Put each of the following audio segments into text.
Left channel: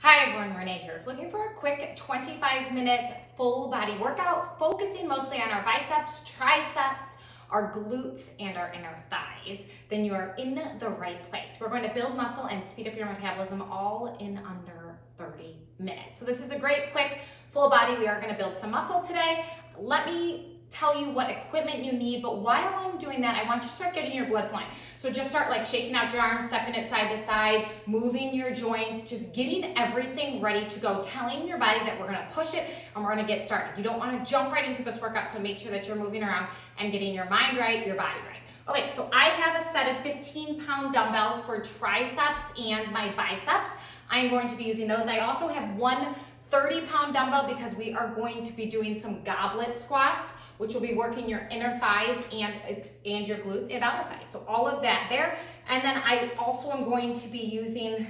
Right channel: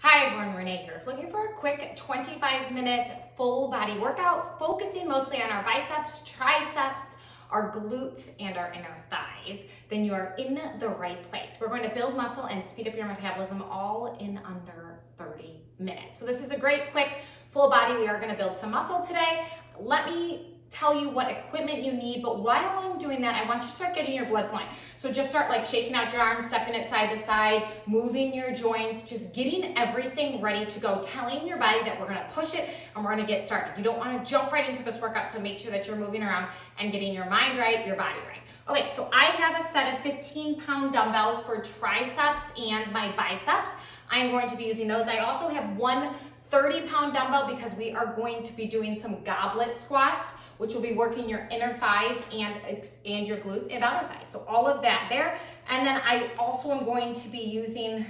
Hi everyone, Renee here. If looking for a quick 25-minute full body workout, focusing mostly on our biceps, triceps, our glutes, and our inner thighs, then you are in the right place. We're going to build muscle and speed up your metabolism all in under 30 minutes. So this is a great quick full body. We are going to build some muscle today. Let me tell you what equipment you need, but while I'm doing that, I want you to start getting your blood flowing. So just start like shaking out your arms, stepping it side to side, moving your joints, just getting everything ready to go, telling your body that we're gonna push it and we're gonna get started. You don't wanna jump right into this workout, so make sure that you're moving around and getting your mind right, your body right. Okay, so I have a set of 15-pound dumbbells for triceps and my biceps. I'm going to be using those. I also have one 30-pound dumbbell because we are going to be doing some goblet squats, which will be working your inner thighs and your glutes and outer thighs. So all of that there. And then I also am going to be using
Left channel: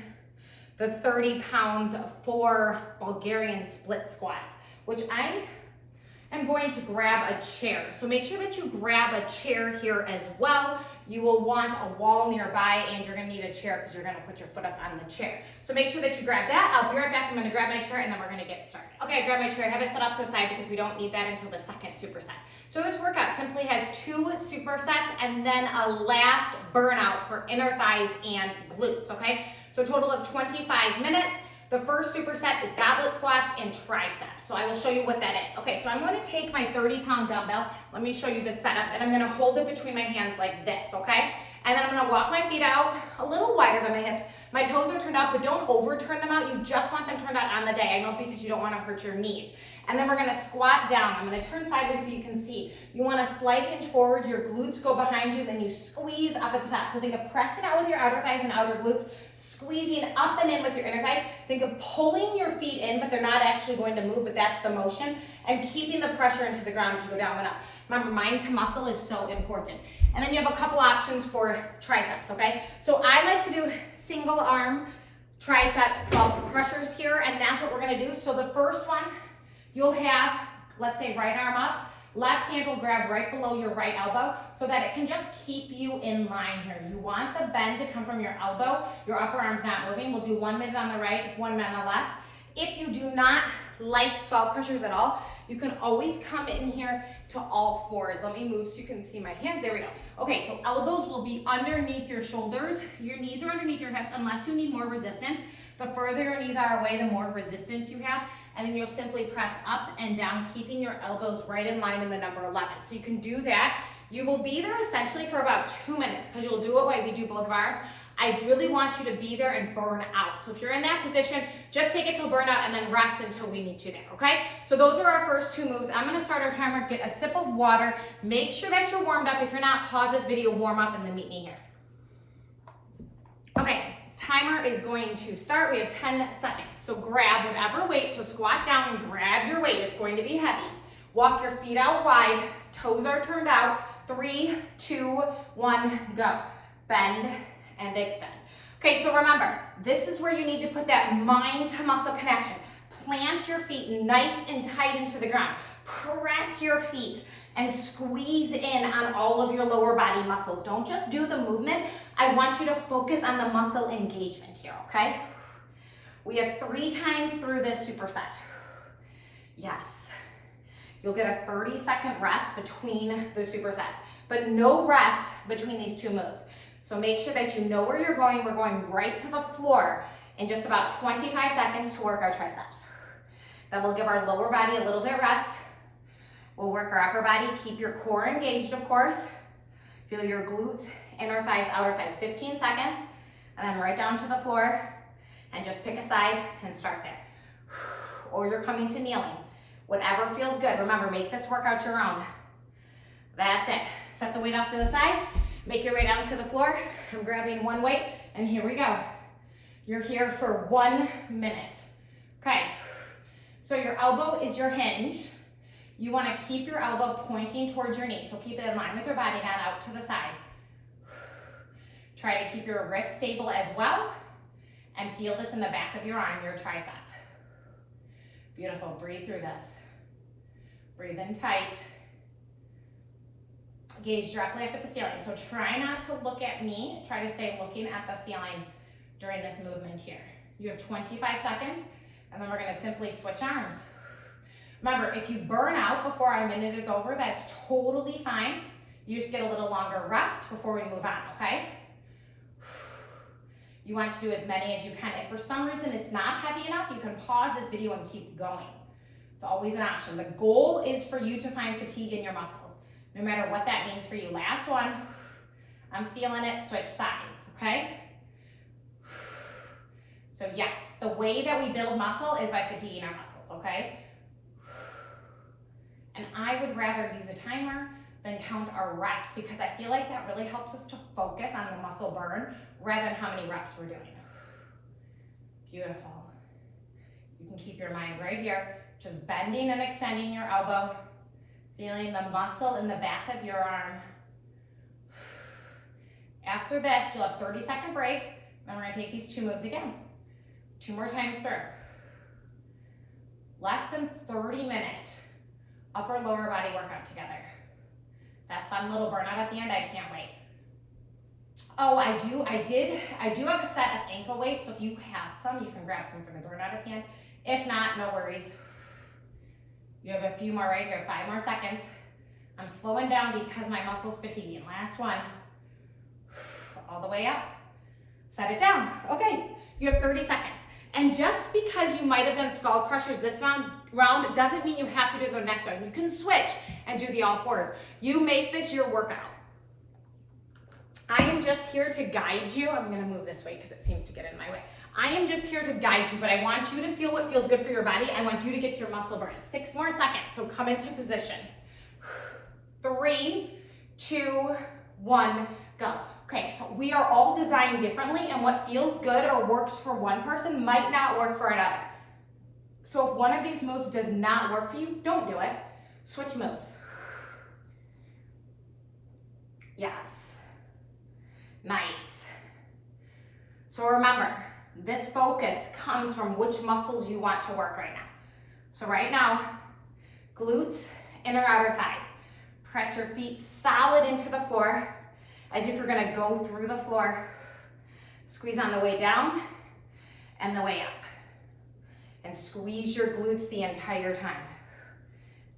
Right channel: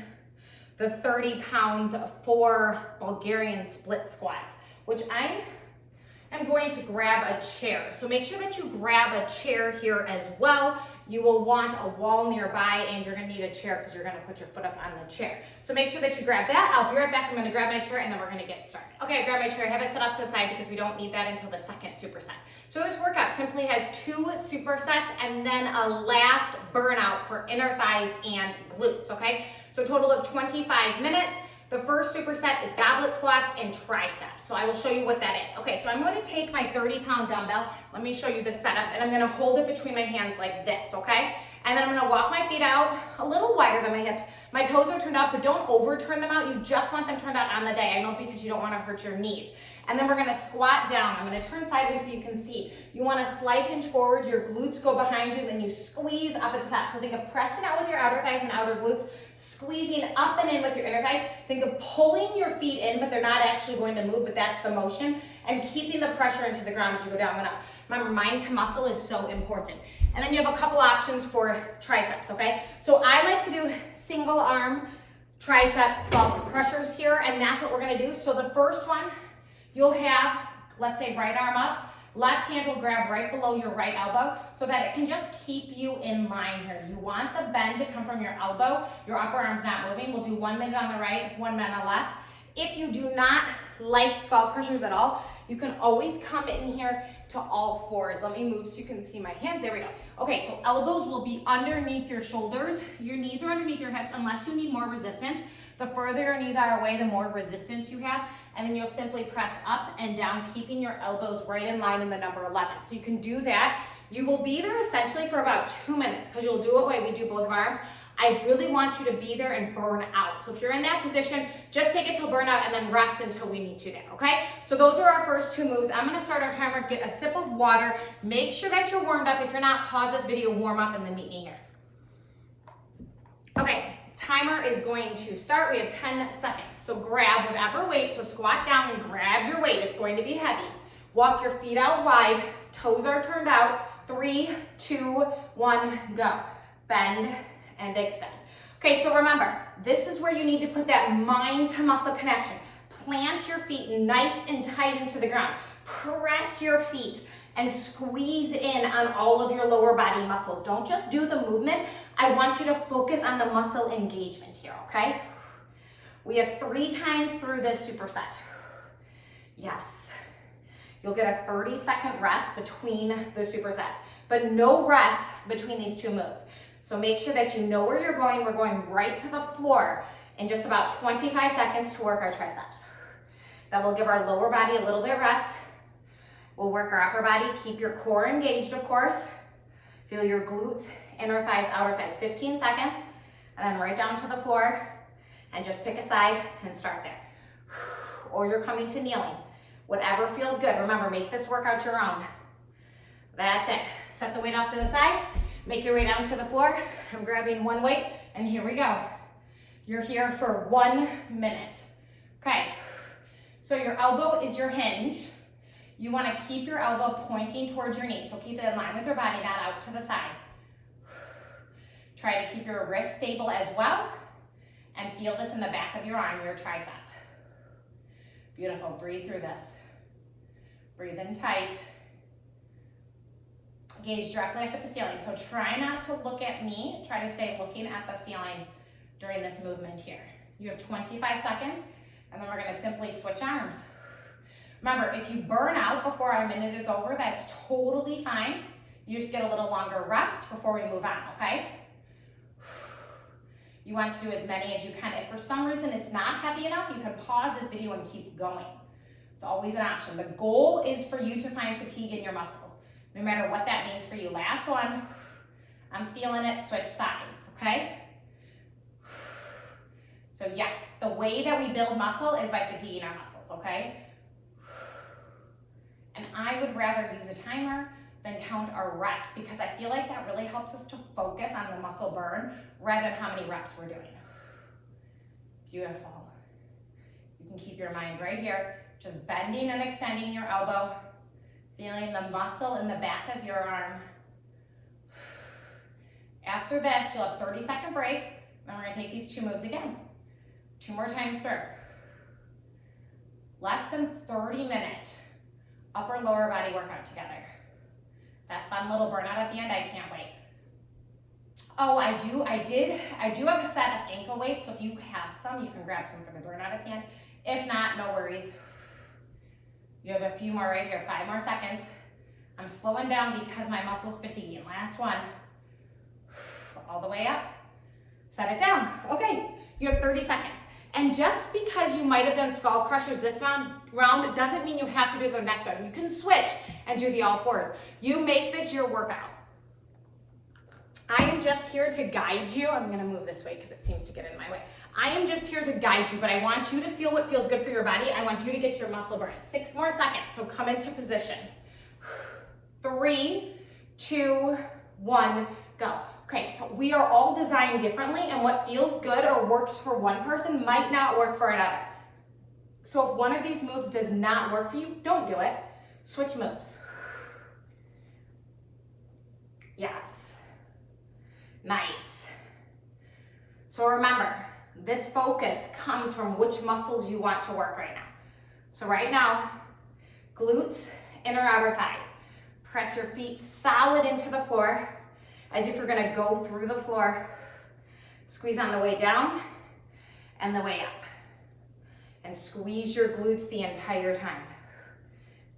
the 30 pounds for Bulgarian split squats, which I am going to grab a chair. So make sure that you grab a chair here as well. You will want a wall nearby and you're gonna need a chair because you're gonna put your foot up on the chair. So make sure that you grab that. I'll be right back. I'm gonna grab my chair and then we're gonna get started. Okay, I grabbed my chair. I have it set off to the side because we don't need that until the second superset. So this workout simply has 2 supersets and then a last burnout for inner thighs and glutes, okay? So a total of 25 minutes. The first superset is goblet squats and triceps. So I will show you what that is. Okay, so I'm going to take my 30-pound dumbbell. Let me show you the setup, and I'm going to hold it between my hands like this, okay? And then I'm going to walk my feet out a little wider than my hips. My toes are turned out, but don't overturn them out. You just want them turned out on the day. I know, because you don't want to hurt your knees. And then we're going to squat down. I'm going to turn sideways so you can see. You want a slight hinge forward. Your glutes go behind you, then you squeeze up at the top. So think of pressing out with your outer thighs and outer glutes, squeezing up and in with your inner thighs. Think of pulling your feet in, but they're not actually going to move, but that's the motion, and keeping the pressure into the ground as you go down and up. Remember, mind to muscle is so important. And then you have a couple options for triceps, okay? So I like to do single arm triceps skull crushers here, and that's what we're gonna do. So the first one, you'll have, let's say, right arm up. Left hand will grab right below your right elbow so that it can just keep you in line here. You want the bend to come from your elbow. Your upper arm's not moving. We'll do 1 minute on the right, 1 minute on the left. If you do not like skull crushers at all, you can always come in here to all fours. Let me move so you can see my hands. There we go. Okay, so elbows will be underneath your shoulders. Your knees are underneath your hips unless you need more resistance. The further your knees are away, the more resistance you have. And then you'll simply press up and down, keeping your elbows right in line in the number 11. So you can do that. You will be there essentially for about 2 minutes because you'll do it while we do both of our arms. I really want you to be there and burn out. So if you're in that position, just take it till burnout and then rest until we meet you there, okay? So those are our first 2 moves. I'm gonna start our timer, get a sip of water. Make sure that you're warmed up. If you're not, pause this video, warm up, and then meet me here. Okay. Timer is going to start. We have 10 seconds. So grab whatever weight. So squat down and grab your weight. It's going to be heavy. Walk your feet out wide. Toes are turned out. 3, 2, 1, go. Bend and extend. Okay, so remember, this is where you need to put that mind to muscle connection. Plant your feet nice and tight into the ground. Press your feet and squeeze in on all of your lower body muscles. Don't just do the movement. I want you to focus on the muscle engagement here, okay? We have 3 times through this superset. Yes. You'll get a 30-second rest between the supersets, but no rest between these 2 moves. So make sure that you know where you're going. We're going right to the floor in just about 25 seconds to work our triceps. Then we'll give our lower body a little bit of rest. We'll work our upper body. Keep your core engaged, of course. Feel your glutes, inner thighs, outer thighs. 15 seconds, and then right down to the floor, and just pick a side and start there. Or you're coming to kneeling. Whatever feels good. Remember, make this workout your own. That's it. Set the weight off to the side. Make your way down to the floor. I'm grabbing one weight, and here we go. You're here for 1 minute. Okay, so your elbow is your hinge. You want to keep your elbow pointing towards your knee, so keep it in line with your body, not out to the side. Try to keep your wrist stable as well, and feel this in the back of your arm, your tricep. Beautiful, breathe through this. Breathe in tight. Gaze directly up at the ceiling. So try not to look at me. Try to stay looking at the ceiling during this movement here. You have 25 seconds, and then we're gonna simply switch arms. Remember, if you burn out before our minute is over, that's totally fine. You just get a little longer rest before we move on, okay? You want to do as many as you can. If for some reason it's not heavy enough, you can pause this video and keep going. It's always an option. The goal is for you to find fatigue in your muscles, no matter what that means for you. Last one. I'm feeling it. Switch sides, okay? So yes, the way that we build muscle is by fatiguing our muscles, okay? And I would rather use a timer than count our reps, because I feel like that really helps us to focus on the muscle burn rather than how many reps we're doing. Beautiful. You can keep your mind right here, just bending and extending your elbow, feeling the muscle in the back of your arm. After this, you'll have 30-second break, then we're gonna take these 2 moves again. 2 more times through. Less than 30-minute upper lower body workout together. That fun little burnout at the end, I can't wait. Oh, I do have a set of ankle weights, so if you have some, you can grab some for the burnout at the end. If not, no worries. You have a few more right here, 5 more seconds. I'm slowing down because my muscle's fatiguing. Last one. All the way up. Set it down. Okay, you have 30 seconds. And just because you might have done skull crushers this round doesn't mean you have to do the next round. You can switch and do the all fours. You make this your workout. I am just here to guide you. I'm gonna move this way because it seems to get in my way. I am just here to guide you, but I want you to feel what feels good for your body. I want you to get your muscle burn. 6 more seconds, so come into position. 3, 2, 1, go. Okay, so we are all designed differently, and what feels good or works for one person might not work for another. So if one of these moves does not work for you, don't do it. Switch moves. Yes. Nice. So remember, this focus comes from which muscles you want to work right now. So right now, glutes, inner outer thighs. Press your feet solid into the floor, as if you're gonna go through the floor. Squeeze on the way down and the way up. And squeeze your glutes the entire time.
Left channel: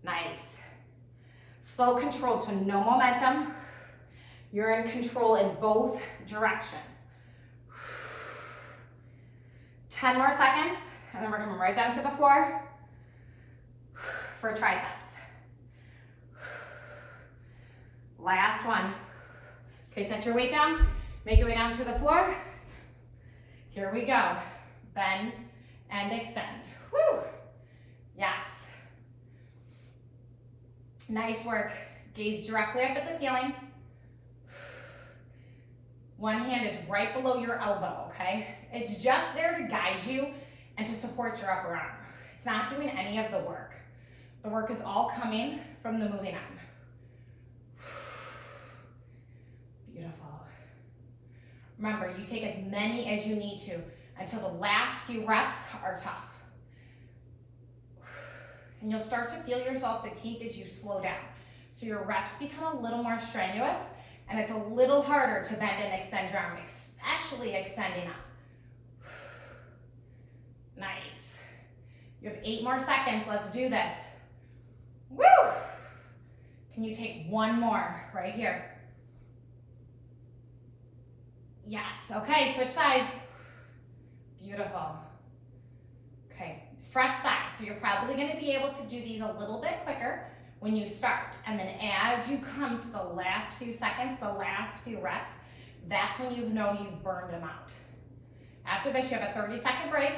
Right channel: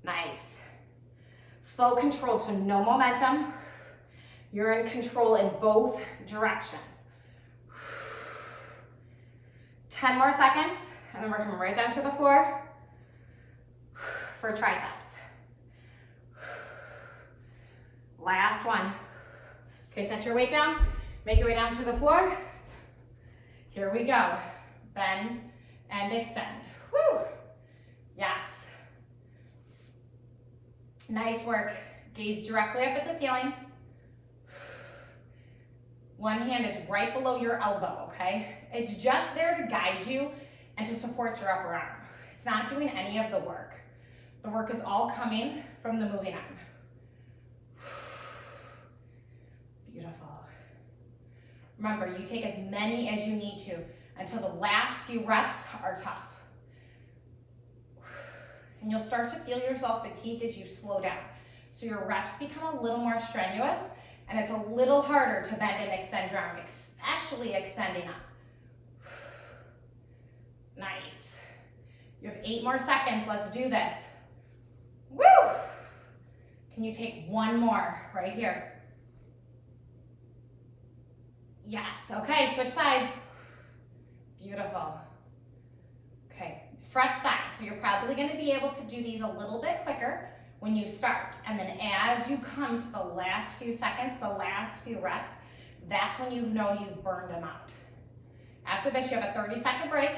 Nice. Slow, controlled, so no momentum. You're in control in both directions. 10 more seconds, and then we're coming right down to the floor for triceps. Last one. Okay, set your weight down, make your way down to the floor. Here we go. Bend and extend. Woo! Yes. Nice work. Gaze directly up at the ceiling. One hand is right below your elbow, okay? It's just there to guide you and to support your upper arm. It's not doing any of the work. The work is all coming from the moving arm. Beautiful. Remember, you take as many as you need to until the last few reps are tough. And you'll start to feel yourself fatigue as you slow down. So your reps become a little more strenuous, and it's a little harder to bend and extend your arm, especially extending up. Nice. You have 8 more seconds. Let's do this. Woo! Can you take one more right here? Yes. Okay, switch sides. Beautiful. Okay, fresh side. So you're probably going to be able to do these a little bit quicker when you start. And then as you come to the last few seconds, the last few reps, that's when you know you've burned them out. After this, you have a 30-second break,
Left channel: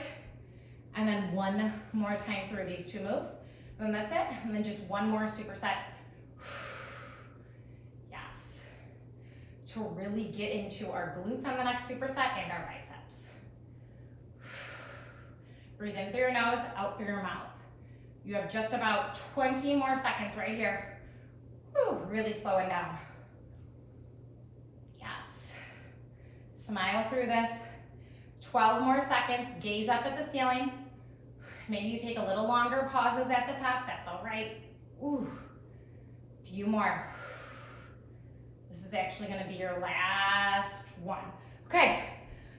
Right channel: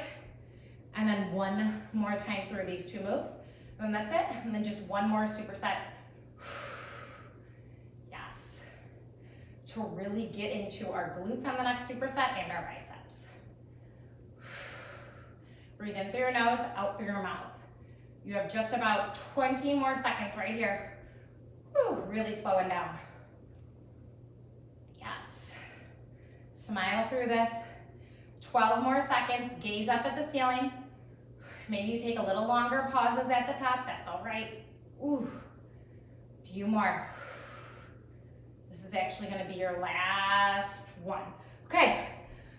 and then one more time through these 2 moves. And then that's it. And then just one more superset. Yes. To really get into our glutes on the next superset and our biceps. Breathe in through your nose, out through your mouth. You have just about 20 more seconds right here. Whew, really slowing down. Yes. Smile through this. 12 more seconds. Gaze up at the ceiling. Maybe you take a little longer pauses at the top. That's all right. Ooh. Few more. This is actually going to be your last one. Okay,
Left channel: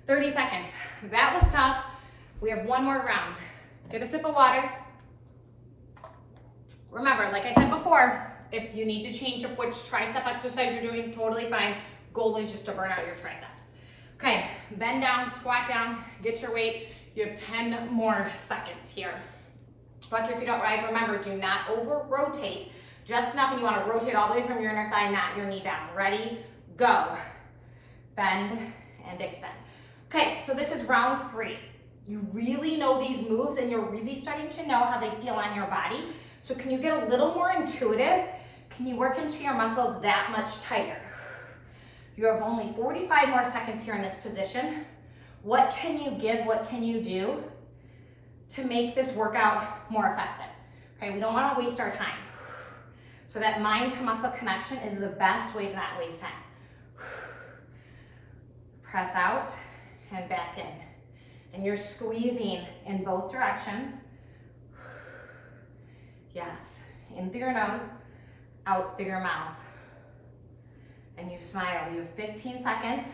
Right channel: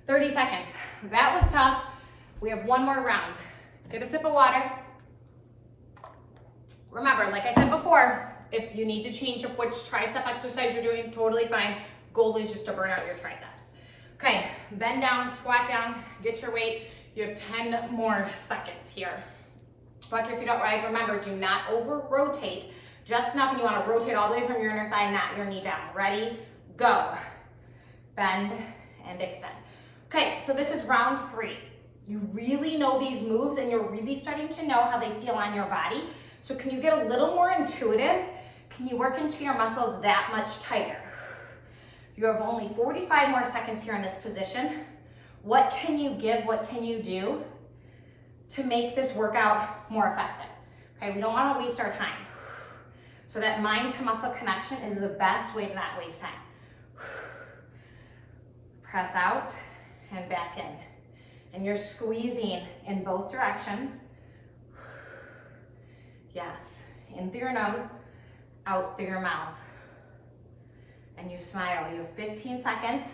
30 seconds. That was tough. We have one more round. Get a sip of water. Remember, like I said before, if you need to change up which tricep exercise you're doing, totally fine. Goal is just to burn out your triceps. Okay, bend down, squat down, get your weight. You have 10 more seconds here. Walk your feet out wide. Remember, do not over-rotate. Just enough, and you want to rotate all the way from your inner thigh, not your knee down. Ready? Go. Bend and extend. Okay, so this is round 3. You really know these moves, and you're really starting to know how they feel on your body. So can you get a little more intuitive? Can you work into your muscles that much tighter? You have only 45 more seconds here in this position. What can you give? What can you do to make this workout more effective? Okay, we don't want to waste our time. So that mind to muscle connection is the best way to not waste time. Press out and back in. And you're squeezing in both directions. Yes, in through your nose, out through your mouth. And you smile. You have 15 seconds.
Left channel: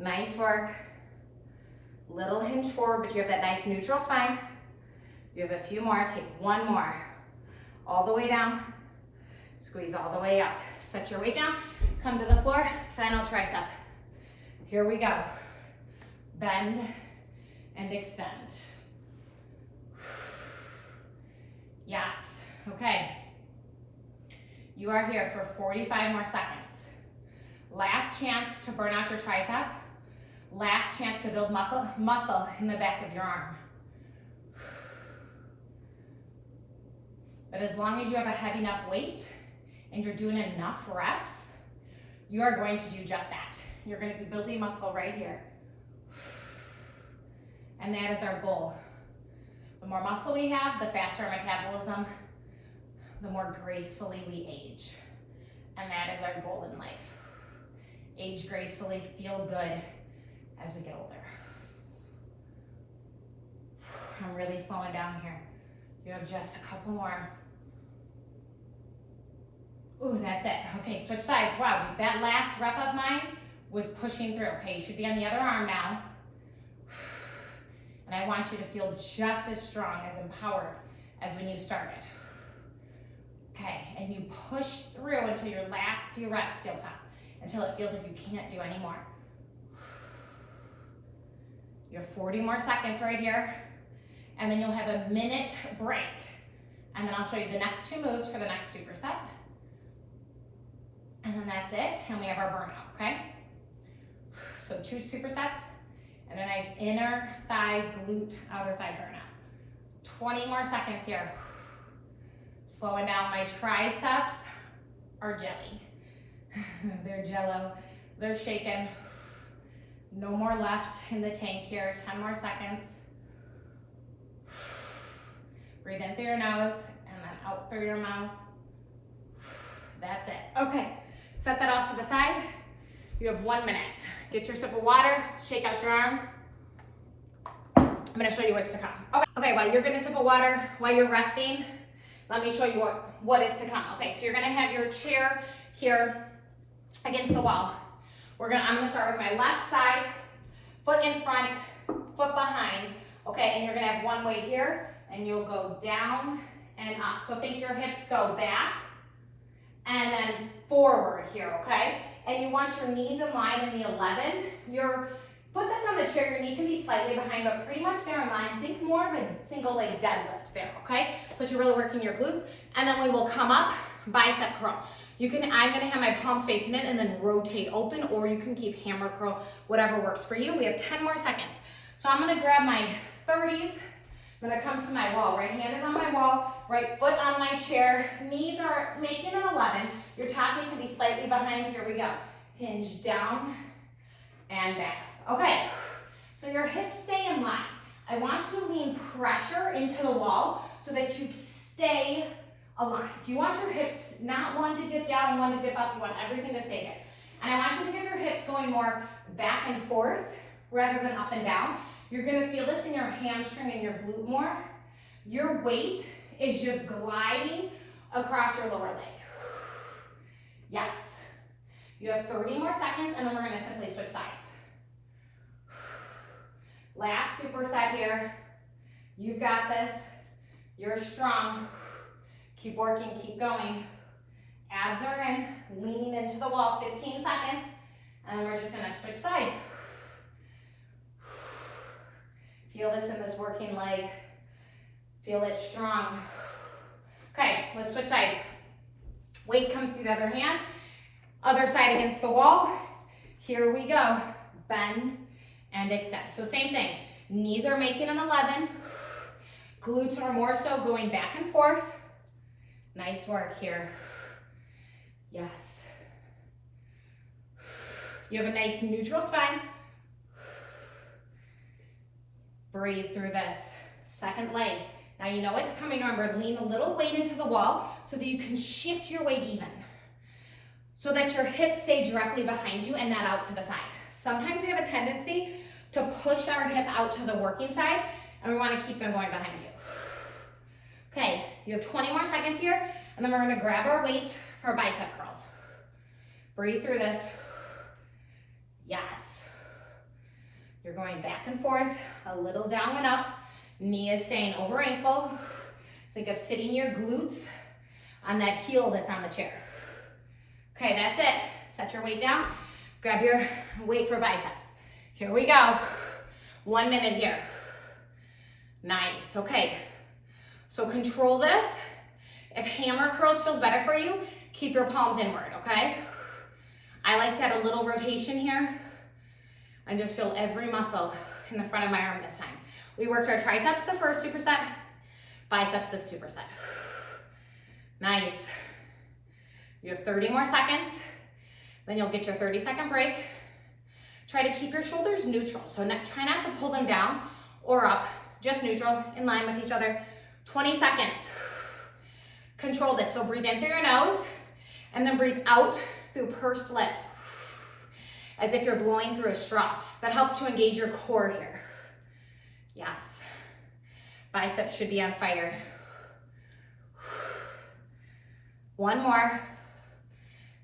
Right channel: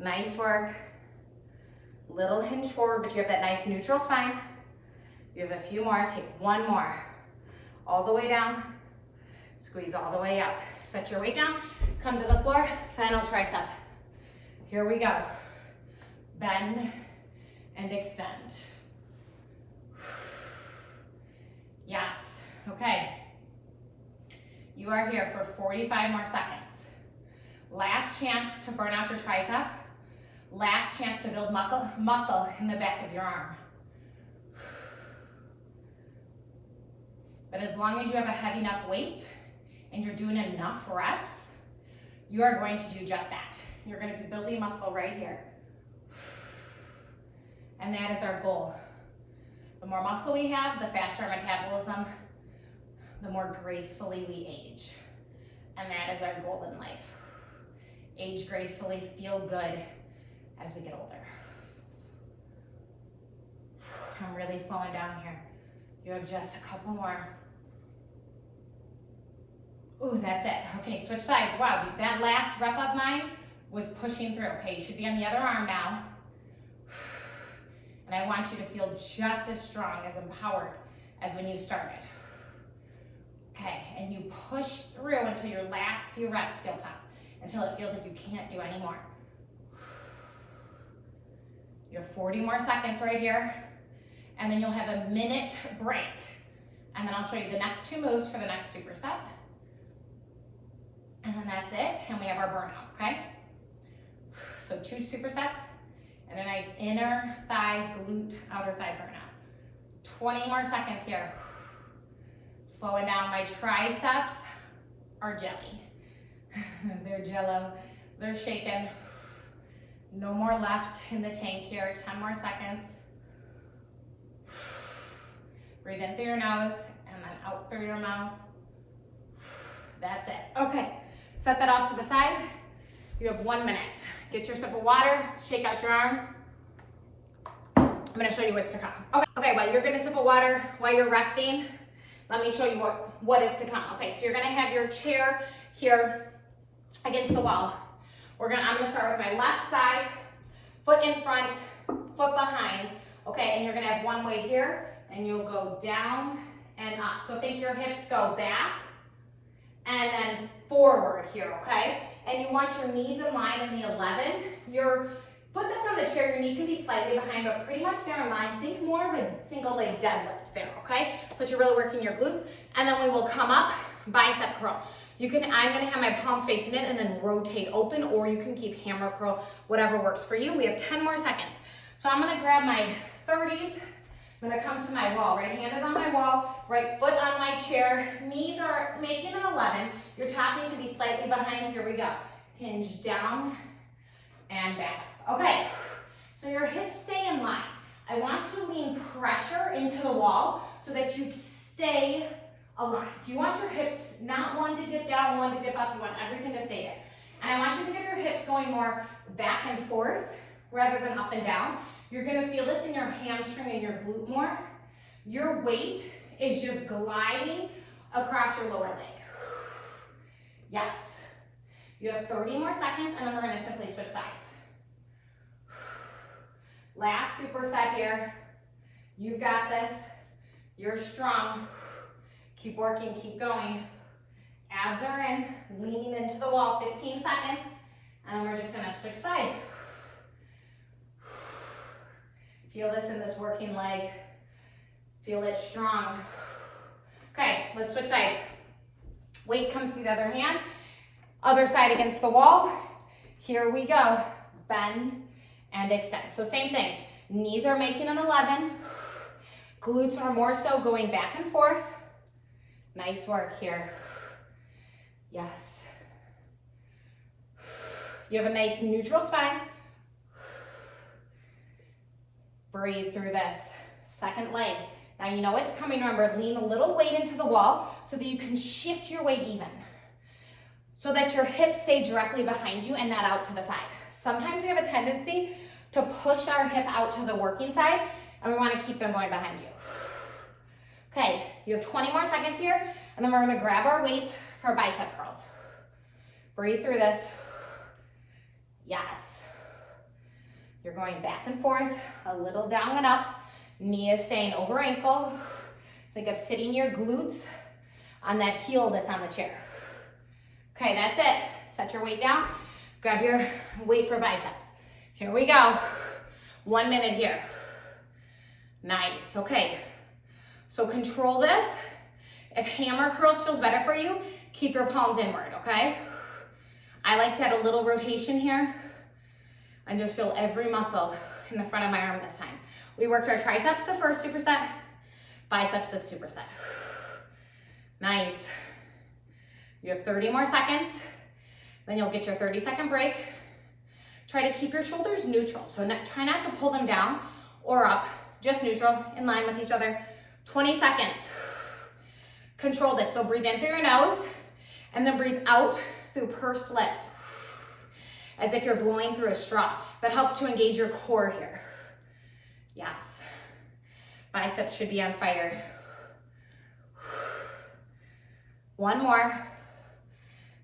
Nice work. Little hinge forward, but you have that nice neutral spine. You have a few more. Take one more. All the way down. Squeeze all the way up. Set your weight down. Come to the floor. Final tricep. Here we go. Bend and extend. Yes. Okay. You are here for 45 more seconds. Last chance to burn out your tricep. Last chance to build muscle in the back of your arm. But as long as you have a heavy enough weight and you're doing enough reps, you are going to do just that. You're going to be building muscle right here. And that is our goal. The more muscle we have, the faster our metabolism, the more gracefully we age. And that is our goal in life. Age gracefully, feel good as we get older. I'm really slowing down here. You have just a couple more. Ooh, that's it. Okay, switch sides. Wow, that last rep of mine was pushing through. Okay, you should be on the other arm now. And I want you to feel just as strong, as empowered as when you started. Okay, and you push through until your last few reps feel tough, until it feels like you can't do anymore. You have 40 more seconds right here, and then you'll have a minute break. And then I'll show you the next 2 moves for the next superset. And then that's it, and we have our burnout, okay? So 2 supersets, and a nice inner thigh, glute, outer thigh burnout. 20 more seconds here. Slowing down. My triceps are jelly. They're jello, they're shaken. No more left in the tank here, 10 more seconds. Breathe in through your nose and then out through your mouth. That's it. Okay, set that off to the side. You have 1 minute. Get your sip of water, shake out your arm. I'm gonna show you what's to come. Okay, while you're gonna sip of water, while you're resting, let me show you what is to come. Okay, so you're gonna have your chair here against the wall. I'm gonna start with my left side, foot in front, foot behind, okay, and you're gonna have one weight here, and you'll go down and up. So think your hips go back and then forward here, okay? And you want your knees in line in the 11. Your foot that's on the chair, your knee can be slightly behind, but pretty much there in line. Think more of a single leg deadlift there, okay? So that you're really working your glutes. And then we will come up, bicep curl. I'm gonna have my palms facing in and then rotate open, or you can keep hammer curl, whatever works for you. We have 10 more seconds. So I'm gonna grab my 30s. I'm gonna come to my wall. Right hand is on my wall, right foot on my chair. Knees are making an 11. Your top knee can be slightly behind. Here we go. Hinge down and back up. Okay, so your hips stay in line. I want you to lean pressure into the wall so that you stay aligned. You want your hips not one to dip down, one to dip up. You want everything to stay there. And I want you to think of your hips going more back and forth rather than up and down. You're gonna feel this in your hamstring and your glute more. Your weight is just gliding across your lower leg. Yes. You have 30 more seconds, and then we're gonna simply switch sides. last superset here. You've got this. You're strong. Keep working, keep going. Abs are in, leaning into the wall, 15 seconds. And we're just gonna switch sides. Feel this in this working leg. Feel it strong. Okay, let's switch sides. Weight comes through the other hand. Other side against the wall. Here we go. Bend and extend. So same thing. Knees are making an 11. Glutes are more so going back and forth. Nice work here. Yes. You have a nice neutral spine. Breathe through this. Second leg. Now you know it's coming. Remember, lean a little weight into the wall so that you can shift your weight even. So that your hips stay directly behind you and not out to the side. Sometimes we have a tendency to push our hip out to the working side, and we want to keep them going behind you. Okay, you have 20 more seconds here, and then we're going to grab our weights for bicep curls. Breathe through this. Yes. You're going back and forth, a little down and up. Knee is staying over ankle. Think of sitting your glutes on that heel that's on the chair. Okay, that's it. Set your weight down. Grab your weight for biceps. Here we go. 1 minute here. Nice, okay. So control this. If hammer curls feels better for you, keep your palms inward, okay? I like to add a little rotation here. I just feel every muscle in the front of my arm this time. We worked our triceps the first superset, biceps the superset. Nice. You have 30 more seconds, then you'll get your 30-second break. Try to keep your shoulders neutral, so try not to pull them down or up, just neutral, in line with each other. 20 seconds. Control this, so breathe in through your nose, and then breathe out through pursed lips, as if you're blowing through a straw. That helps to engage your core here. Yes. Biceps should be on fire. One more.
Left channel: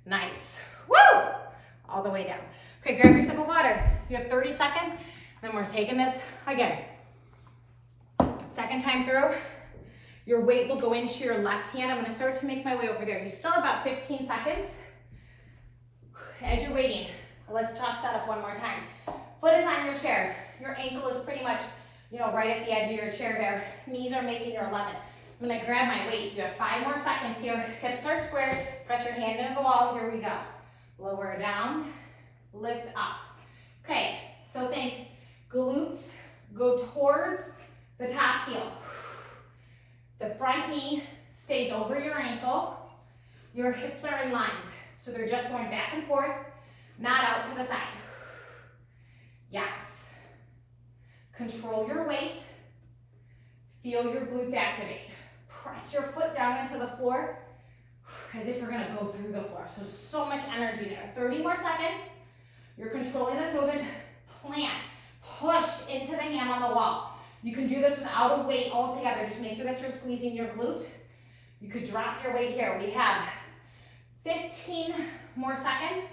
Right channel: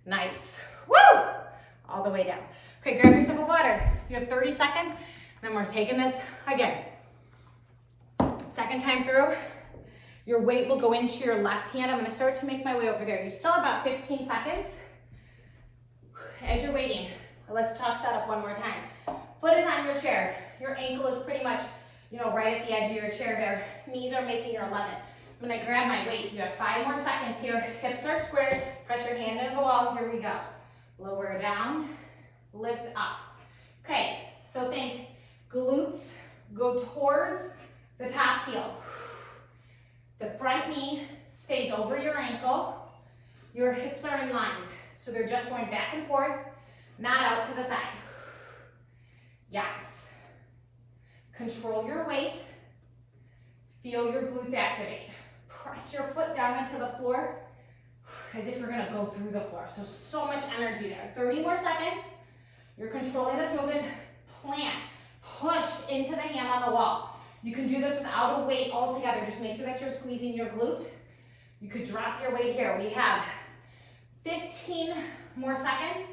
Nice. Woo! All the way down. Okay, grab your sip of water. You have 30 seconds, then we're taking this again. Second time through, your weight will go into your left hand. I'm gonna start to make my way over there. You still have about 15 seconds. As you're waiting, let's chalk that up one more time. Foot is on your chair. Your ankle is pretty much, right at the edge of your chair there. Knees are making your 11. I'm gonna grab my weight. You have 5 more seconds here. Hips are squared. Press your hand into the wall. Here we go. Lower down, lift up. Okay, so think glutes go towards the top heel. The front knee stays over your ankle. Your hips are aligned, so they're just going back and forth, not out to the side. Yes. Control your weight. Feel your glutes activate. Press your foot down into the floor as if you're gonna go through the floor. So much energy there. 30 more seconds. You're controlling this movement. Plant, push into the hand on the wall. You can do this without a weight altogether. Just make sure that you're squeezing your glute. You could drop your weight here. We have 15 more seconds,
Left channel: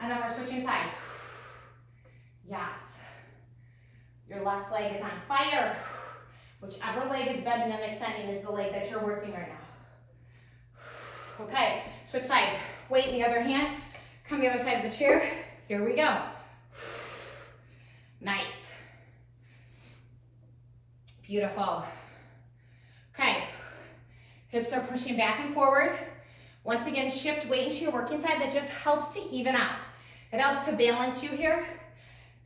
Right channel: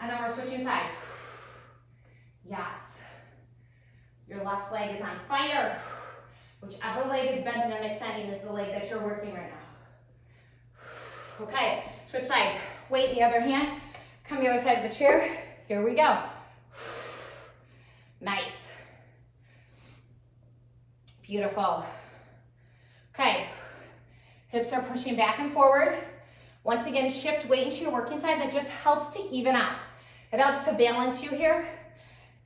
and then we're switching sides. Yes. Your left leg is on fire. Whichever leg is bending and extending is the leg that you're working right now. Okay, switch sides. Weight in the other hand. Come the other side of the chair. Here we go. Nice. Beautiful. Okay, hips are pushing back and forward. Once again, shift weight into your working side. That just helps to even out. It helps to balance you here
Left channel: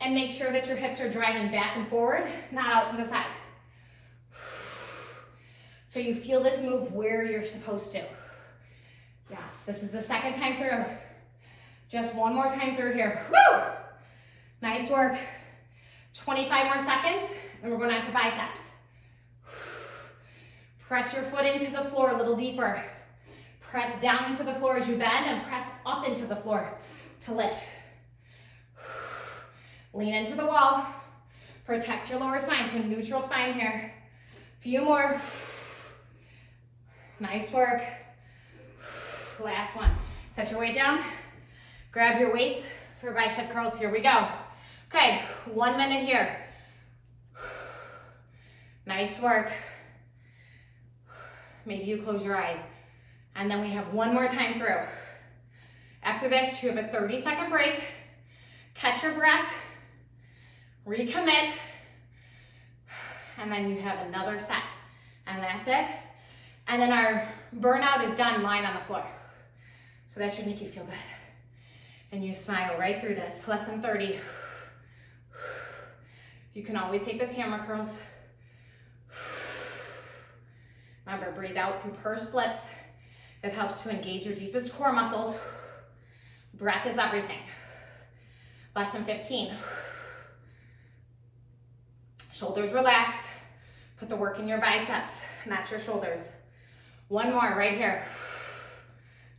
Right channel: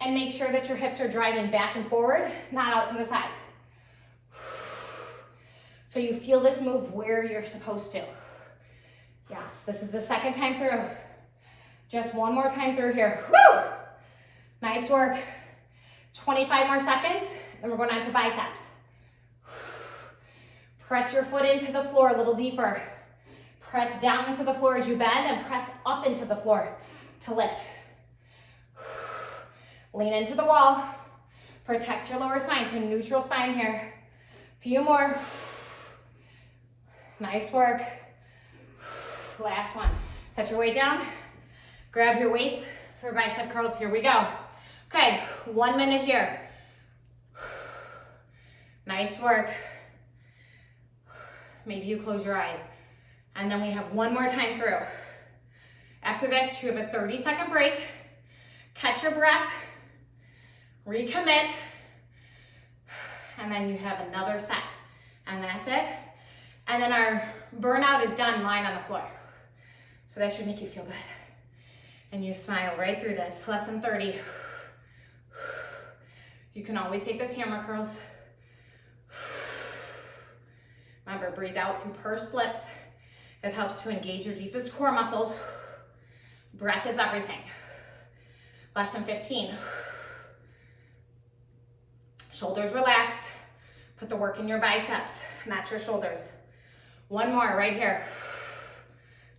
and make sure that your hips are driving back and forward, not out to the side. So you feel this move where you're supposed to. Yes, this is the second time through. Just one more time through here. Woo! Nice work. 25 more seconds, and we're going on to biceps. Press your foot into the floor a little deeper. Press down into the floor as you bend, and press up into the floor to lift. Lean into the wall. Protect your lower spine, so neutral spine here. Few more. Nice work. Last one. Set your weight down. Grab your weights for bicep curls. Here we go. Okay, 1 minute here. Nice work. Maybe you close your eyes. And then we have one more time through. After this, you have a 30-second break. Catch your breath. Recommit. And then you have another set. And that's it. And then our burnout is done lying on the floor. So that should make you feel good. And you smile right through this. Less than 30. You can always take this hammer curls. Remember, breathe out through pursed lips. It helps to engage your deepest core muscles. Breath is everything. Less than 15. Shoulders relaxed. Put the work in your biceps, not your shoulders. One more right here.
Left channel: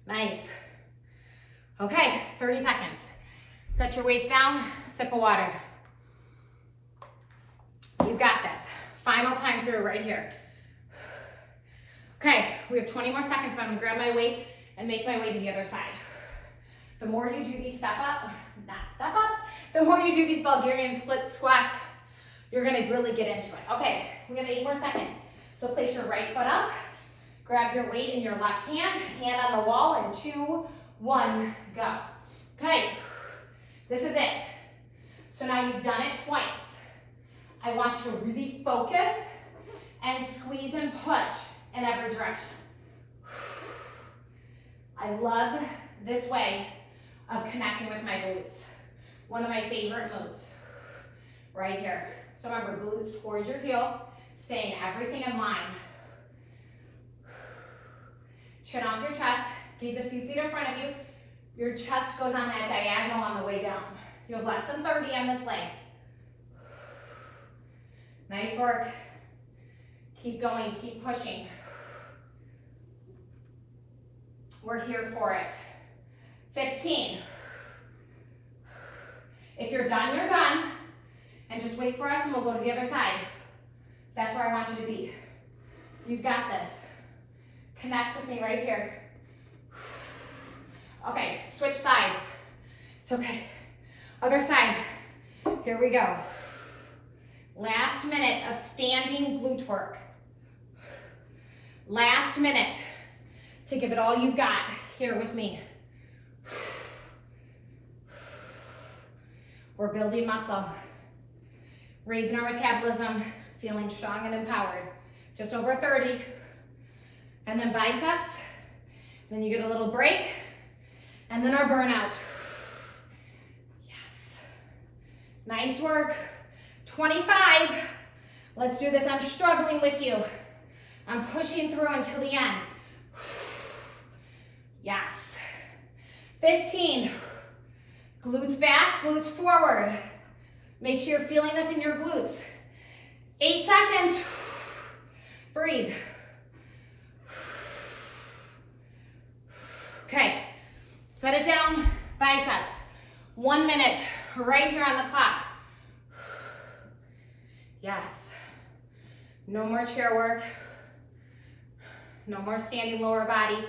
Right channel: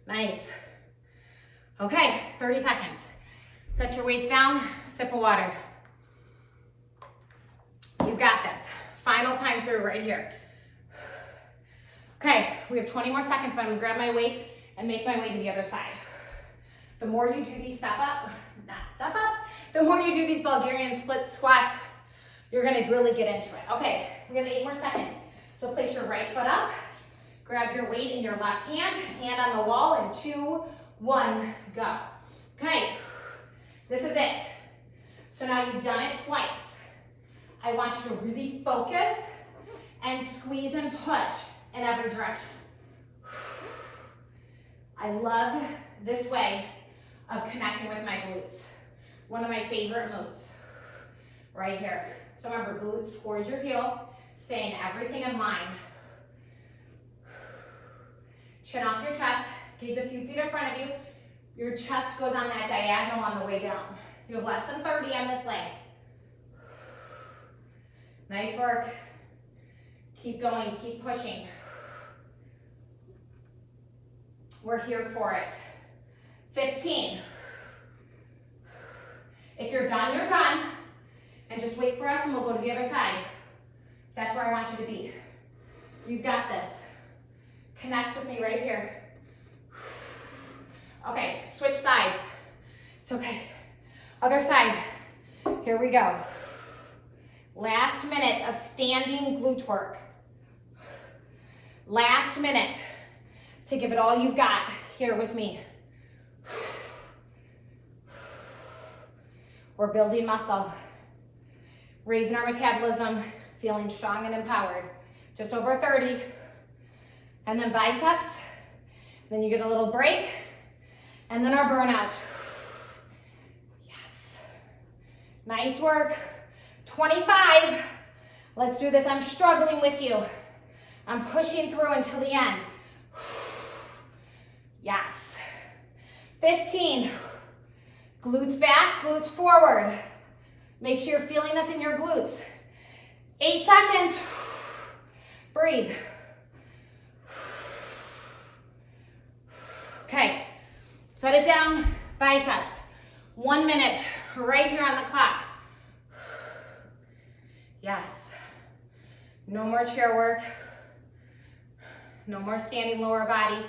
Nice. Okay, 30 seconds. Set your weights down, sip of water. You've got this. Final time through right here. Okay, we have 20 more seconds, but I'm gonna grab my weight and make my way to the other side. The more you do these the more you do these Bulgarian split squats, you're gonna really get into it. Okay, we have 8 more seconds. So place your right foot up, grab your weight in your left hand, hand on the wall, and 2, 1, go. Okay, this is it. So now you've done it twice. I want you to really focus and squeeze and push in every direction. I love this way of connecting with my glutes. One of my favorite moves, right here. So remember, glutes towards your heel, staying everything in line. Chin off your chest, gaze a few feet in front of you. Your chest goes on that diagonal on the way down. You have less than 30 on this leg. Nice work. Keep going, keep pushing. We're here for it. 15. If you're done, you're done. And just wait for us and we'll go to the other side. That's where I want you to be. You've got this. Connect with me right here. Okay, switch sides. It's okay. Other side. Here we go. Last minute of standing glute work. Last minute to give it all you've got here with me. We're building muscle, raising our metabolism, feeling strong and empowered. Just over 30. And then biceps. Then you get a little break. And then our burnout. Yes. Nice work. 25. Let's do this. I'm struggling with you. I'm pushing through until the end. Yes. 15. Glutes back, glutes forward. Make sure you're feeling this in your glutes. 8 seconds. Breathe. Okay, set it down, biceps. 1 minute, right here on the clock. Yes. No more chair work. No more standing lower body.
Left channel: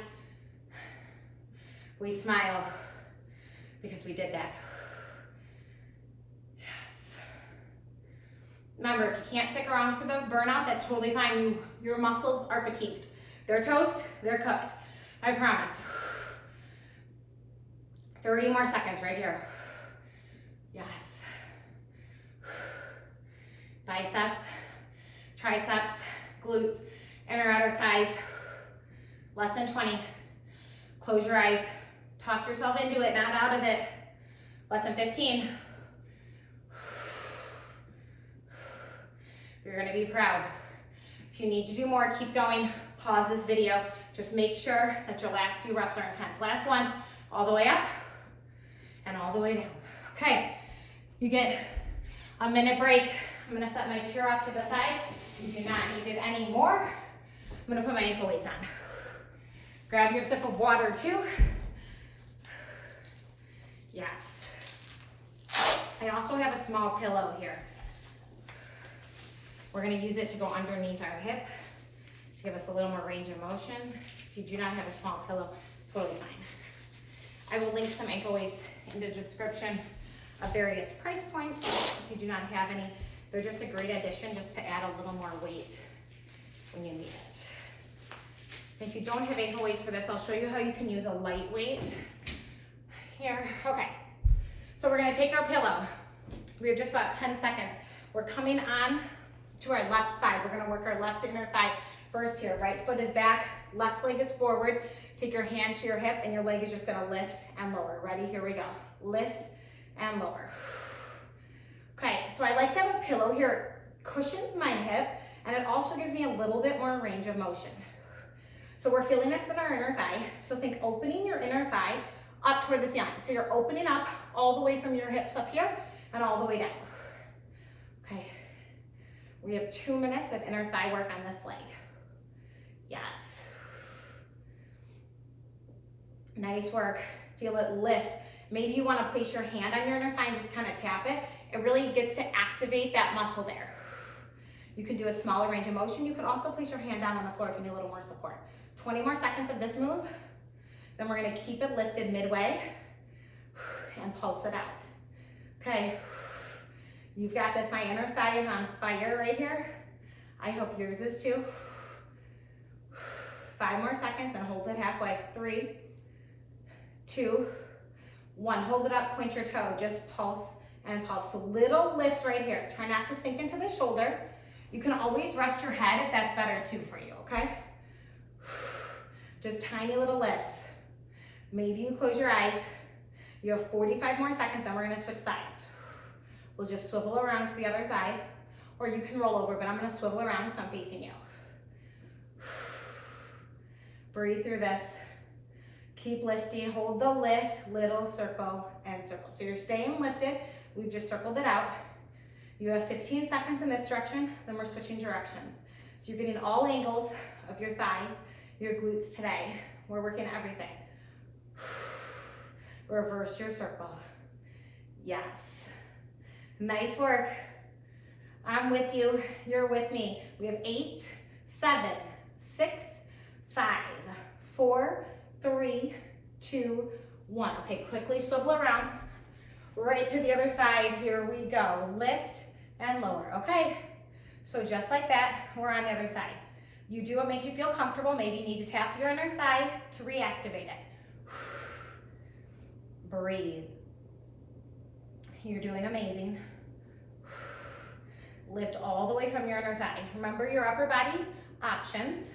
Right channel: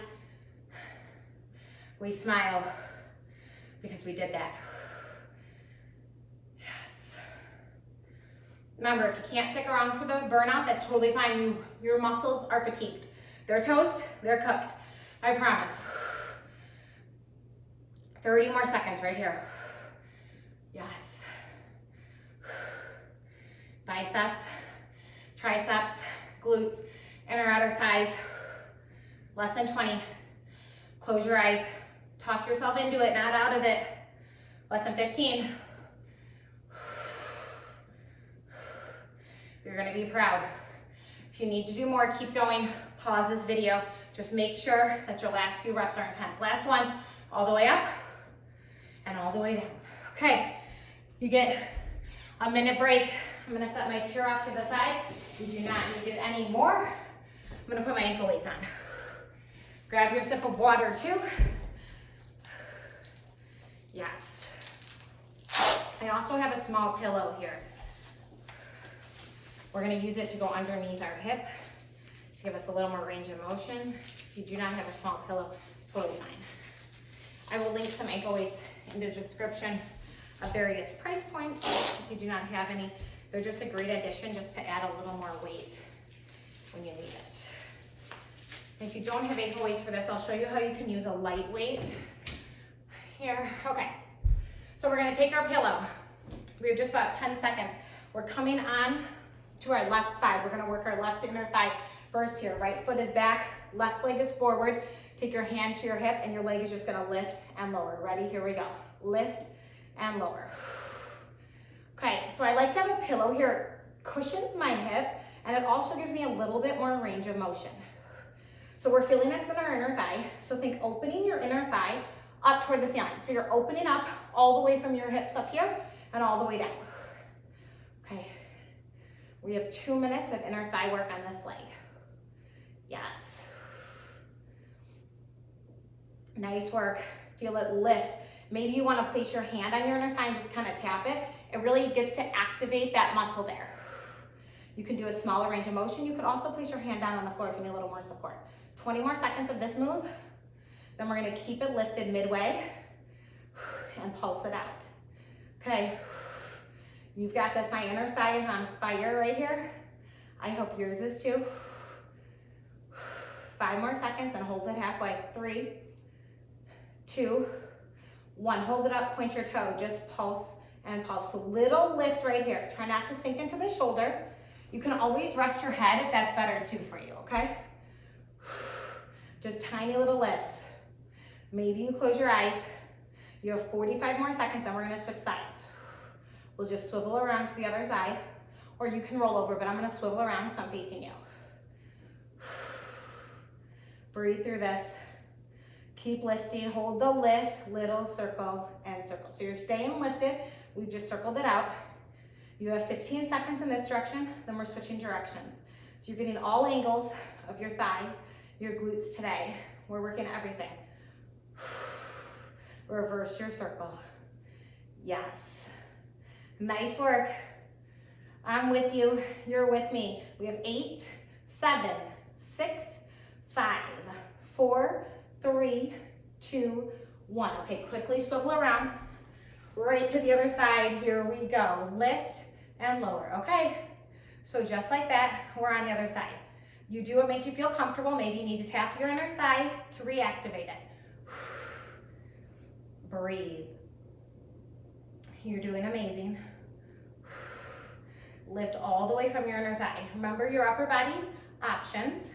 We smile because we did that. Yes. Remember, if you can't stick around for the burnout, that's totally fine. Your muscles are fatigued. They're toast, they're cooked. I promise. 30 more seconds right here. Yes. Biceps, triceps, glutes, inner outer thighs. Less than 20. Close your eyes. Talk yourself into it, not out of it. Less than 15. You're gonna be proud. If you need to do more, keep going. Pause this video. Just make sure that your last few reps are intense. Last one, all the way up and all the way down. Okay, you get a minute break. I'm gonna set my chair off to the side. You do not need it anymore. I'm gonna put my ankle weights on. Grab your sip of water too. Yes. I also have a small pillow here. We're gonna use it to go underneath our hip to give us a little more range of motion. If you do not have a small pillow, totally fine. I will link some ankle weights in the description of various price points. If you do not have any, They're just a great addition just to add a little more weight when you need it. If you don't have ankle weights for this, I'll show you how you can use a light weight. Here, okay. So we're gonna take our pillow. We have just about 10 seconds. We're coming on to our left side. We're gonna work our left inner thigh first here. Right foot is back, left leg is forward. Take your hand to your hip and your leg is just gonna lift and lower. Ready, here we go. Lift and lower. Okay, so I like to have a pillow here. It cushions my hip and it also gives me a little bit more range of motion. So we're feeling this in our inner thigh. So think opening your inner thigh up toward the ceiling. So you're opening up all the way from your hips up here and all the way down. Okay, we have 2 minutes of inner thigh work on this leg. Yes. Nice work, feel it lift. Maybe you wanna place your hand on your inner thigh and just kind of tap it. It really gets to activate that muscle there. You can do a smaller range of motion. You could also place your hand down on the floor if you need a little more support. 20 more seconds of this move. Then we're gonna keep it lifted midway and pulse it out. Okay, you've got this. My inner thigh is on fire right here. I hope yours is too. 5 more seconds and hold it halfway. 3, 2, 1. Hold it up, point your toe, just pulse and pulse. So little lifts right here. Try not to sink into the shoulder. You can always rest your head if that's better too for you, okay? Just tiny little lifts. Maybe you close your eyes. You have 45 more seconds, then we're gonna switch sides. We'll just swivel around to the other side, or you can roll over, but I'm gonna swivel around so I'm facing you. Breathe through this. Keep lifting, hold the lift, little circle and circle. So you're staying lifted. We've just circled it out. You have 15 seconds in this direction, then we're switching directions. So you're getting all angles of your thigh, your glutes today. We're working everything. Reverse your circle. Yes. Nice work. I'm with you, you're with me. We have 8, 7, 6, 5, 4, 3, 2, 1. Okay, quickly swivel around. Right to the other side, here we go. Lift and lower, okay? So just like that, we're on the other side. You do what makes you feel comfortable. Maybe you need to tap your inner thigh to reactivate it. Breathe. You're doing amazing. Lift all the way from your inner thigh. Remember your upper body options.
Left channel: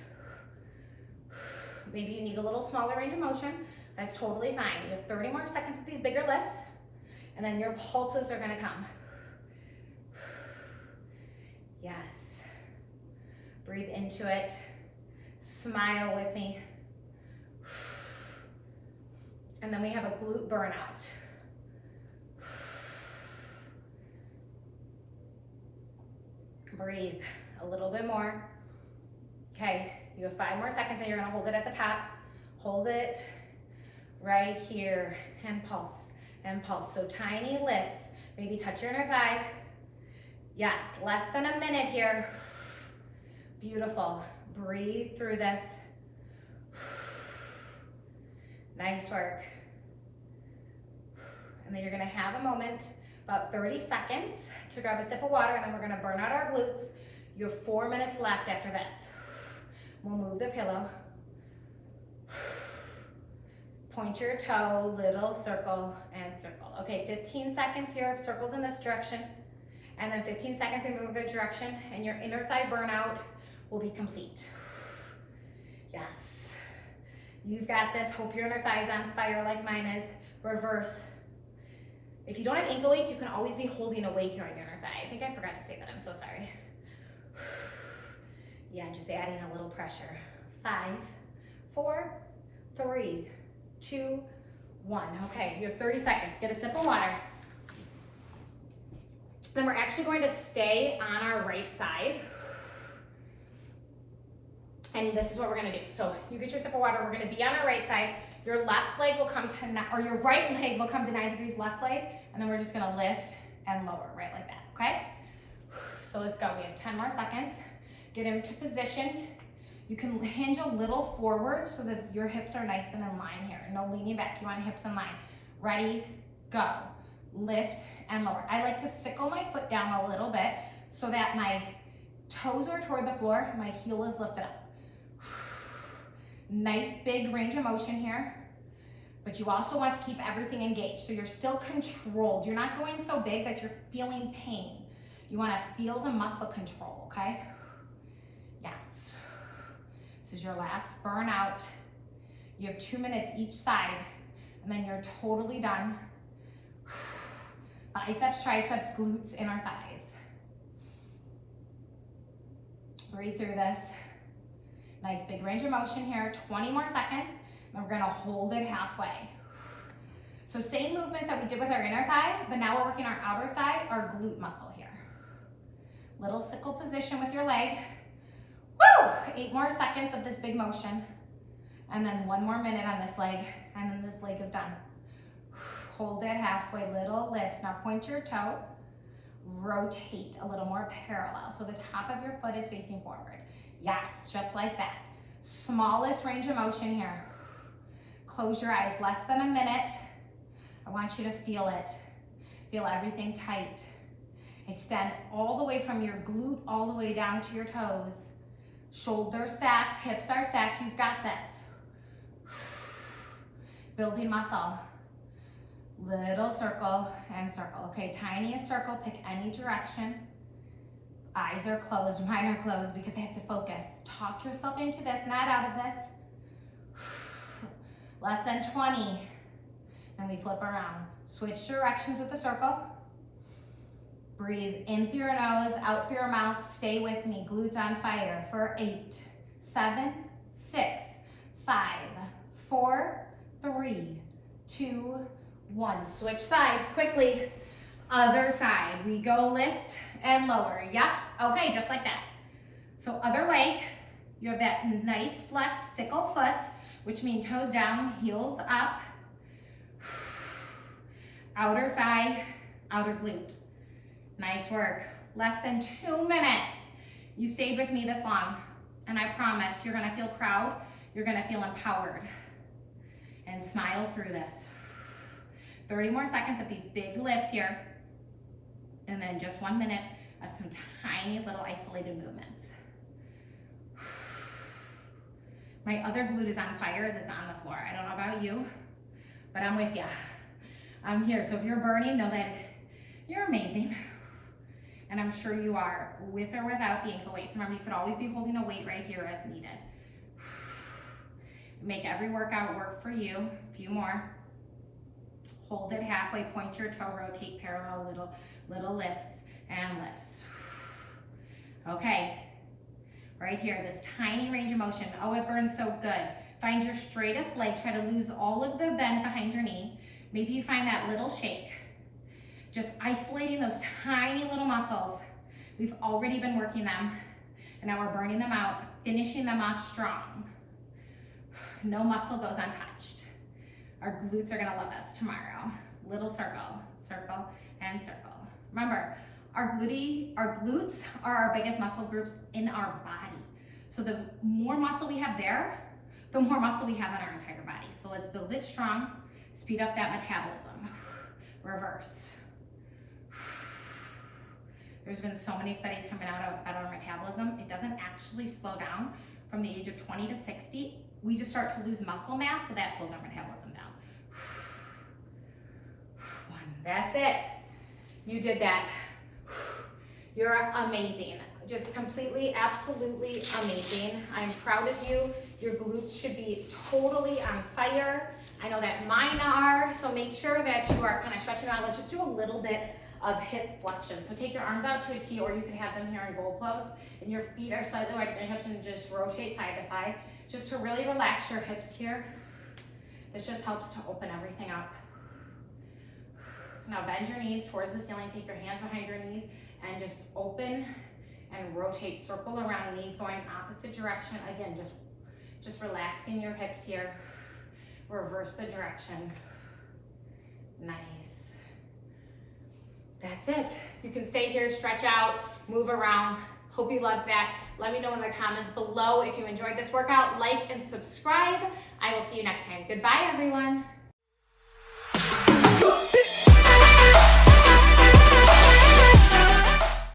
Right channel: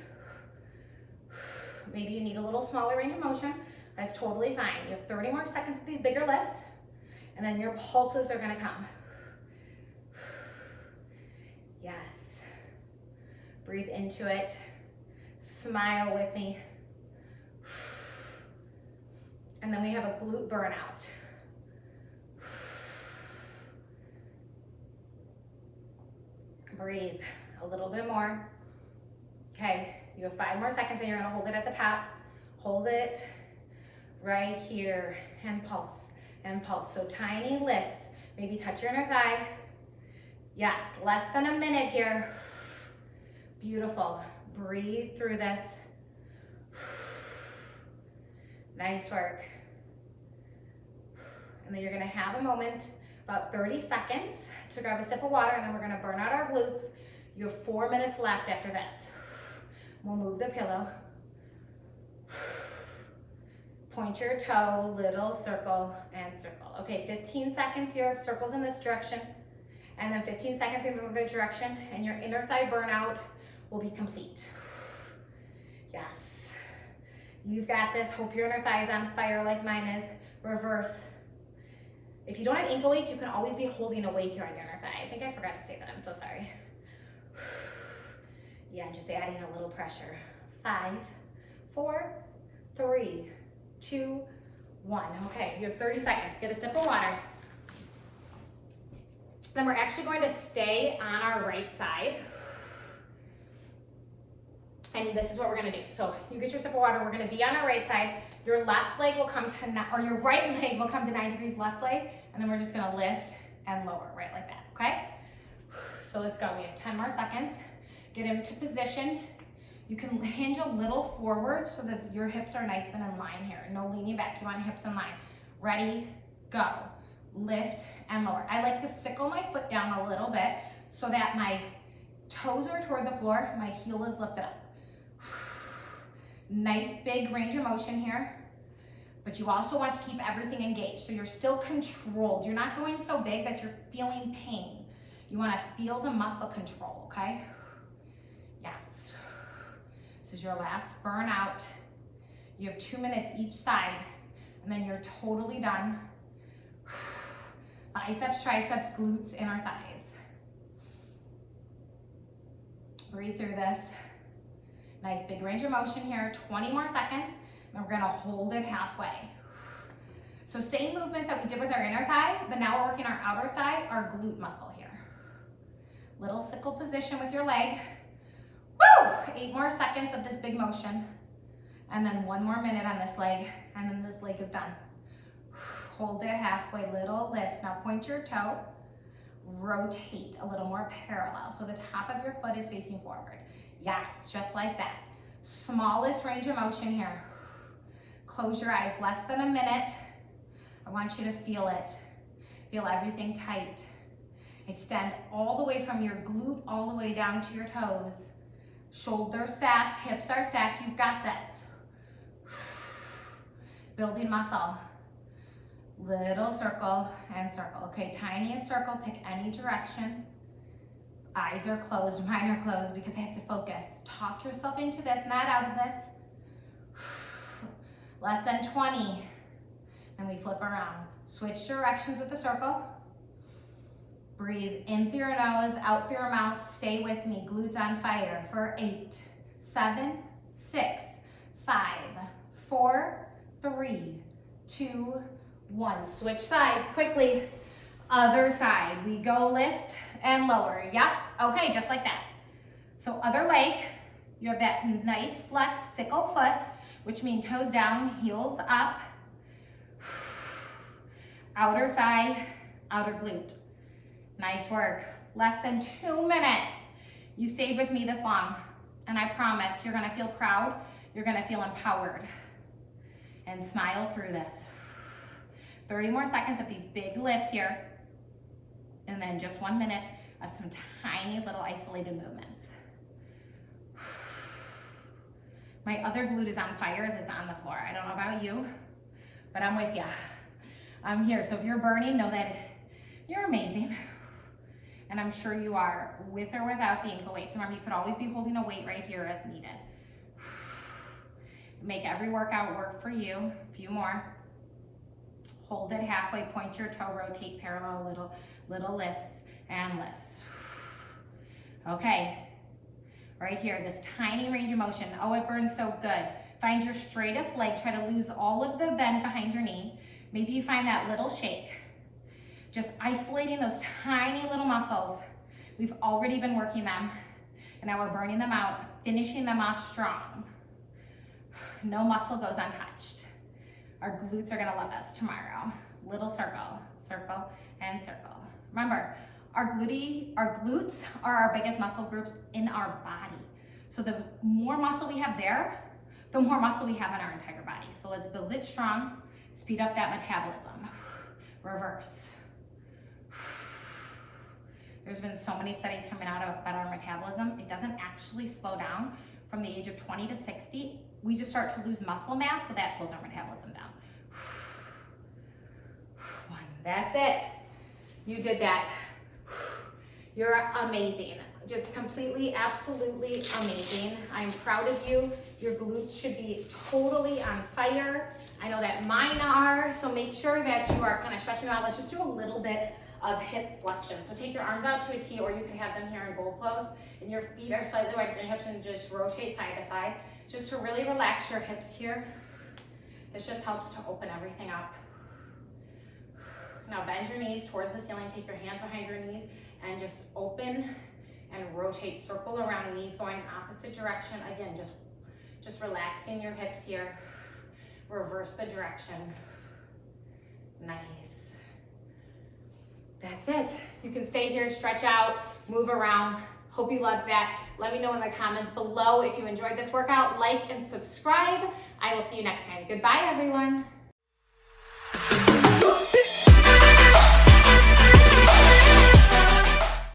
Maybe you need a little smaller range of motion. That's totally fine. You have 30 more seconds of these bigger lifts, and then your pulses are gonna come. Yes. Breathe into it. Smile with me. And then we have a glute burnout. Breathe a little bit more. Okay, you have 5 more seconds and you're gonna hold it at the top. Hold it right here and pulse and pulse. So tiny lifts, maybe touch your inner thigh. Yes, less than a minute here. Beautiful, breathe through this. Nice work. And then you're gonna have a moment, about 30 seconds to grab a sip of water, and then we're gonna burn out our glutes. You have 4 minutes left after this. We'll move the pillow. Point your toe, little circle and circle. Okay, 15 seconds here of circles in this direction, and then 15 seconds in the other direction, and your inner thigh burnout will be complete. Yes. You've got this. Hope your inner thigh is on fire like mine is. Reverse. If you don't have ankle weights, you can always be holding a weight here on your inner thigh. I think I forgot to say that. I'm so sorry. Yeah, just adding a little pressure. 5, 4, 3, 2, 1. Okay, you have 30 seconds. Get a sip of water. Then we're actually going to stay on our right side. And this is what we're gonna do. So you get your sip of water, we're gonna be on our right side. Your left leg will come to, or your right leg will come to 90 degrees left leg, and then we're just gonna lift and lower, right like that, okay? So let's go, we have 10 more seconds. Get into position. You can hinge a little forward so that your hips are nice and in line here. No leaning back, you want hips in line. Ready, go. Lift and lower. I like to sickle my foot down a little bit so that my toes are toward the floor, my heel is lifted up. Nice big range of motion here, but you also want to keep everything engaged, so you're still controlled. You're not going so big that you're feeling pain. You want to feel the muscle control, okay? Yes. This is your last burnout. You have 2 minutes each side, and then you're totally done. Biceps, triceps, glutes, and our thighs. Breathe through this. Nice big range of motion here, 20 more seconds, and we're gonna hold it halfway. So same movements that we did with our inner thigh, but now we're working our outer thigh, our glute muscle here. Little sickle position with your leg. Woo! 8 more seconds of this big motion. And then 1 more minute on this leg, and then this leg is done. Hold it halfway, little lifts. Now point your toe, rotate a little more parallel. So the top of your foot is facing forward. Yes, just like that. Smallest range of motion here. Close your eyes, less than a minute. I want you to feel it. Feel everything tight. Extend all the way from your glute all the way down to your toes. Shoulders stacked, hips are stacked. You've got this. Building muscle. Little circle and circle. Okay, tiniest circle, pick any direction. Eyes are closed, mine are closed because I have to focus. Talk yourself into this, not out of this. Less than 20. Then we flip around. Switch directions with the circle. Breathe in through your nose, out through your mouth. Stay with me. Glutes on fire for 8, 7, 6, 5, 4, 3, 2, 1. Switch sides quickly. Other side. We go lift and lower. Yep. Okay, just like that. So other leg, you have that nice flex sickle foot, which means toes down, heels up. Outer thigh, outer glute. Nice work. Less than 2 minutes. You stayed with me this long, and I promise you're gonna feel proud, you're gonna feel empowered. And smile through this. 30 more seconds of these big lifts here, and then just 1 minute of some tiny little isolated movements. My other glute is on fire as it's on the floor. I don't know about you, but I'm with you. I'm here, so if you're burning, know that you're amazing. And I'm sure you are, with or without the ankle weights. Remember, you could always be holding a weight right here as needed. Make every workout work for you. A few more. Hold it halfway, point your toe, rotate parallel, little lifts and lifts. Okay, right here, this tiny range of motion. Oh, it burns so good. Find your straightest leg. Try to lose all of the bend behind your knee. Maybe you find that little shake. Just isolating those tiny little muscles. We've already been working them, and now we're burning them out, finishing them off strong. No muscle goes untouched. Our glutes are gonna love us tomorrow. Little circle, circle, and circle. Remember, our glutes are our biggest muscle groups in our body. So the more muscle we have there, the more muscle we have in our entire body. So let's build it strong, speed up that metabolism. Reverse. There's been so many studies coming out about our metabolism. It doesn't actually slow down from the age of 20 to 60. We just start to lose muscle mass, so that slows our metabolism down. 1, that's it. You did that. You're amazing. Just completely, absolutely amazing. I'm proud of you. Your glutes should be totally on fire. I know that mine are, so make sure that you are kind of stretching out. Let's just do a little bit of hip flexion. So take your arms out to a T, or you can have them here in goal pose, and your feet are slightly wider than your hips, and just rotate side to side, just to really relax your hips here. This just helps to open everything up. Now bend your knees towards the ceiling, take your hands behind your knees, and just open and rotate, circle around, knees going opposite direction. Again, just relaxing your hips here. Reverse the direction. Nice. That's it. You can stay here, stretch out, move around. Hope you loved that. Let me know in the comments below if you enjoyed this workout. Like and subscribe. I will see you next time. Goodbye, everyone.